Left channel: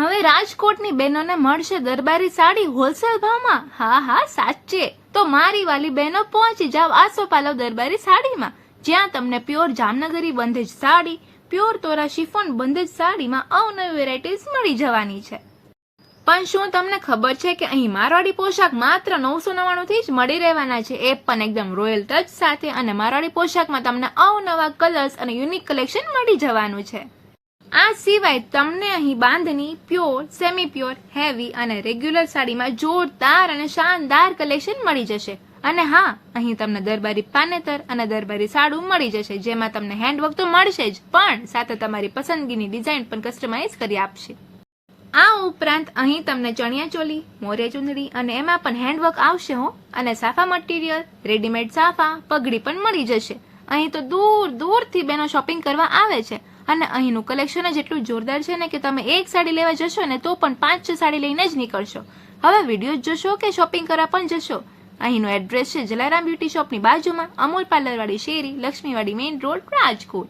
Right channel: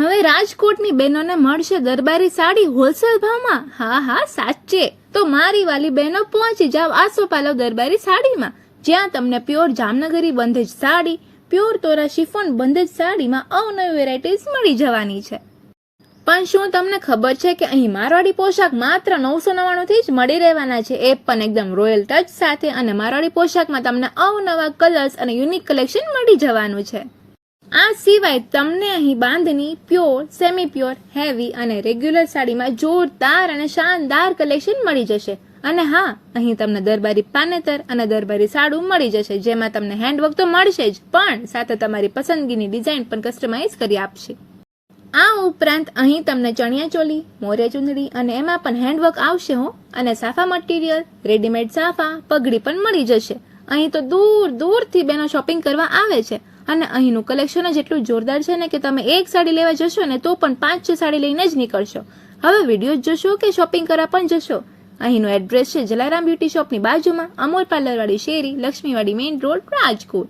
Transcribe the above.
હવે રાજકોટની બહેનોને મળશે દરબારી સાડી હોલસેલ ભાવમાં? હા હા, સાચે. તો મારી વાલી બહેનો પહોંચી જાવ આસોપાલવ દરબારી સાડીમાં. જ્યાં તમને પ્યોર જામનગરી બંધેજ સાડી, પ્યોર તોરા શિફોન બંધેજ સાડીમાં અવનવી વેરાયટીઝ મળી જવાની છે. પણ શું તમને ખબર છે કે અહીં મારવાડી પોશાક માત્ર નવસો નવ્વાણુંથી જ મળી રહેવાના છે? એ પણ એકદમ રોયલ ટચ સાથે અને મારવાડી પોશાકમાં તમને અવનવા કલર્સ અને યુનિક કલેક્શન મળી જવાનું છે. આ સિવાય તમને અહીં bandhani pure semi pure heavy અને રેગ્યુલર સાડીમાં જોરદાર અને શાનદાર કલેક્શન મળી જશે. અને હા, અહીં તમને દરબારી પાનેતર અને દરબારી સાડું મળી જશે, જેમાં તમને હેન્ડવર્ક તો મળશે જ, પણ સાથે તમારી પસંદગીની ડિઝાઇન પણ કસ્ટમાઇઝ કરી આપશે. આ ઉપરાંત અહીં તમને ચણિયા ચોલી, મોરે ચુંદડી અને એમાં પણ હેન્ડવર્ક આવશે હો. અને સાફા મટીરિયલ રેડીમેડ સાફા, પગડી પણ મળી જશે. અહીં તો દૂર દૂરથી બેનો શોપિંગ કરવા આવે છે. અને અહીંનું કલેક્શન જ એટલું જોરદાર છે ને કે તમે એક સાડી લેવા જશો ને તો પણ પાંચ છ સાડી લઈને જ નીકળશો. હવે વીડિયો જોશો કે શોપિંગ કરવા પણ જશો? અહીંનું એડ્રેસ છે જલારામ બ્યુટી શોપની બાજુમાં, અમૂલ પાર્લરવાળી શેરી, લક્ષ્મીવાડી મેઇન રોડ રાજકોટ.